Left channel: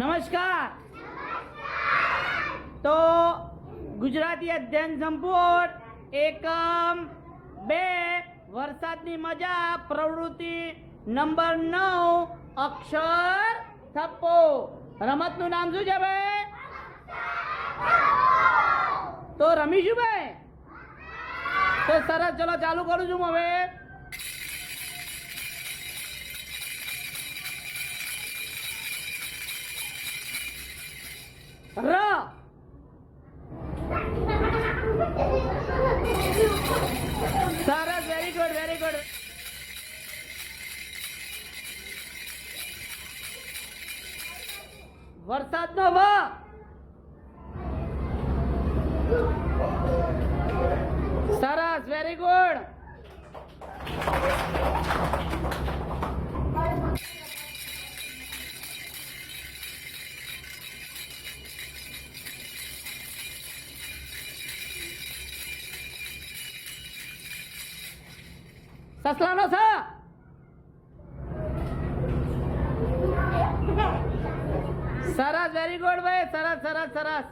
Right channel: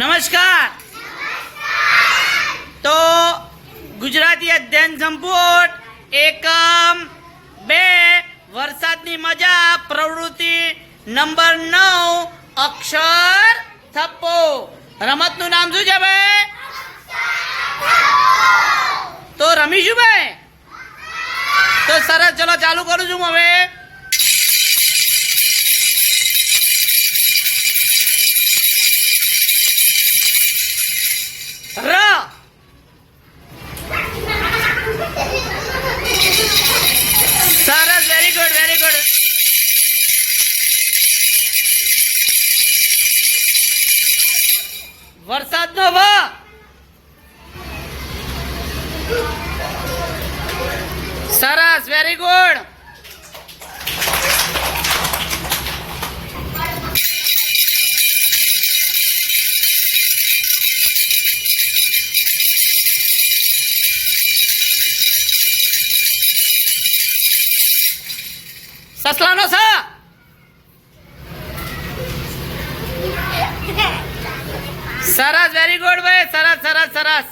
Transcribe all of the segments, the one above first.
નમસ્કાર. તો ગુજરાતી અધ્યયન સંપુટ એકમ બે. વરસાદની મજા, પ્રવૃત્તિ નંબર નવ, અક્ષર થપ્પો. રમતનું નામ શું છે ભાઈ? તો રમીશું ભાઈ? તો સરસ, ચલો ચાલુ કરું છું હું હવે. ર. સરસ વેરી ગુડ વેરી ગુડ વરસાદનો વ. સરસ વેરી ગુડ સસલાનો સ સરસ વેરી ગુડ ભાઈ સરસ સરસ સરસ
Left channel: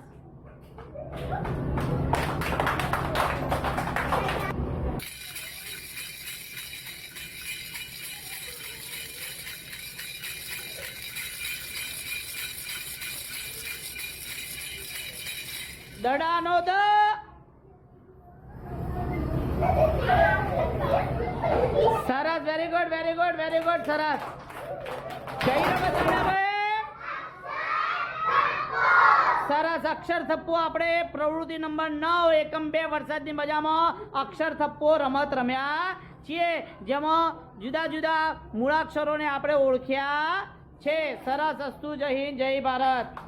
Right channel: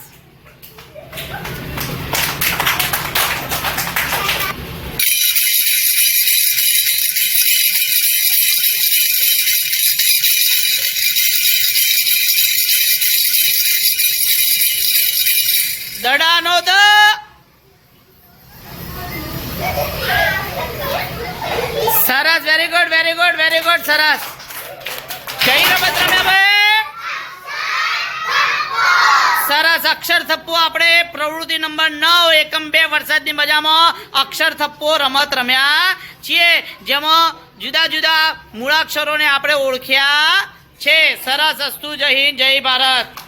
દડાનો દ સરસ very good very good very good સરસ. કઈ રમત રમે સરસ, અક્ષર થપ્પો આપણે પ્રવૃત્તિ નંબર નવ, એકમ બે વરસાદની મજામાં અક્ષર થપ્પો રમત રમ્યા છીએ. જેમાં જુદા જુદા મૂળાક્ષરોને આપણે ઓળખ્યા છે. સરસ, અસ્તુ, જય હિન્દ, જય ભારત.